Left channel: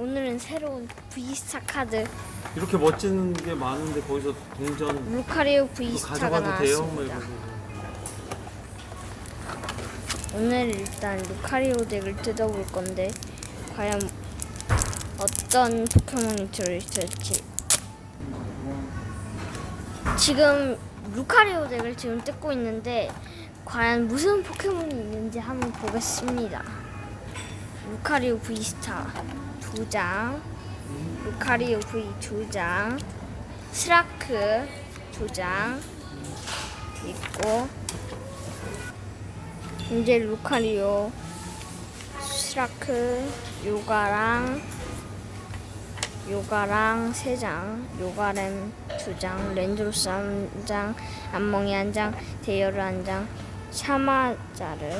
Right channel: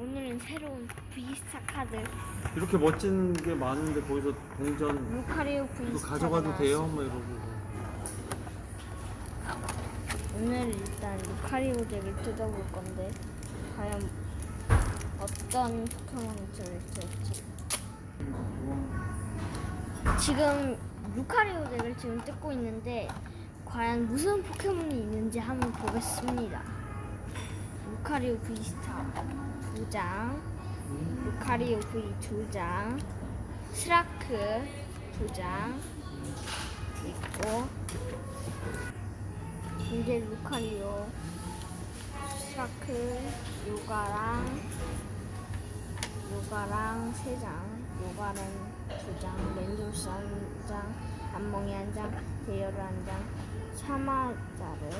오늘은 새로운 V스타 카드 이렇게 멋진 게 많은데 거기서 동전 루카리오 이거 V스타가 가져가도 돼요? 뭐 나왔습니다. 이러면서 오늘 일단 루카리오 덱을 뜯어볼 건데 과연 어떤 포켓몬이 들어있을지 지금 루카리오 덱을 지금 뜯고 있는데 과연 무슨 포켓몬이 있는지 한번 보겠습니다. 루카리오 V스타 두 장, 루카리오 V 두 장, 스라크 두 장 있고 이제 루카리오, 스라크, 요가랑 요가랑 세 장, 요가렘 두 장, 렌드로스 한 장, 안멍이 한 장, 데이어르 한 장, 샤마자르,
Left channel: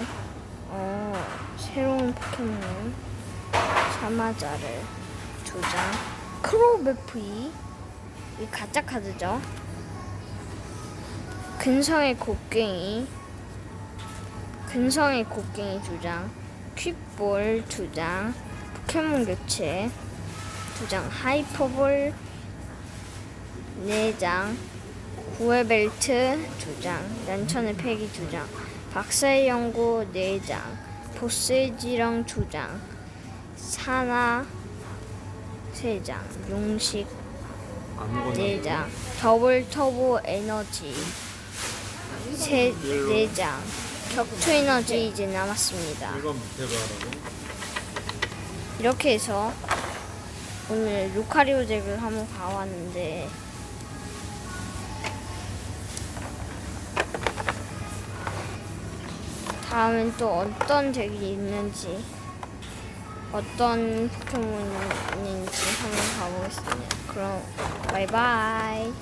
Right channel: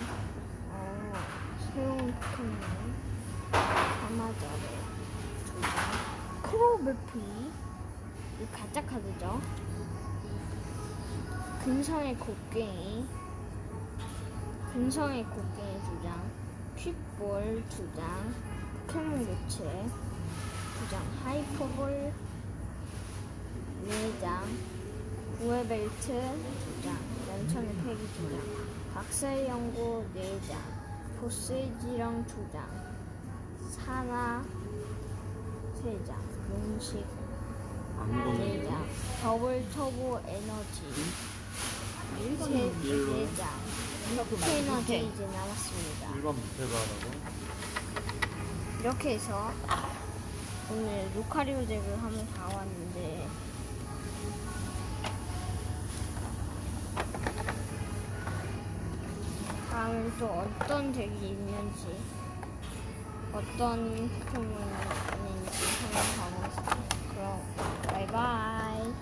어, 새로운 포켓몬 샤마자르 두 장, 크로베프이. 이 가짜 카드죠. 근성의 곡괭이. 근성의 곡괭이 두 장, 퀵볼 두 장, 포켓몬 교체 두 장, 하이퍼볼 네 장, 구에벨트 두 장, 연천의 패기 두 장, 박사의 연구 네 장, 보스의 지령 두 장, 사나 세 장, 용식 아무거나 네 장, 더블 터보 에너지 세, 네 장, 격투 에너지 이제 남았습니다. 이렇게 해서 오늘 루카리오 덱을 한번 봐왔는데 다음엔 또 어떤 덱이 있는지 어떤 포켓몬이 있는지 한번 봐보겠습니다. 그럼 바이바이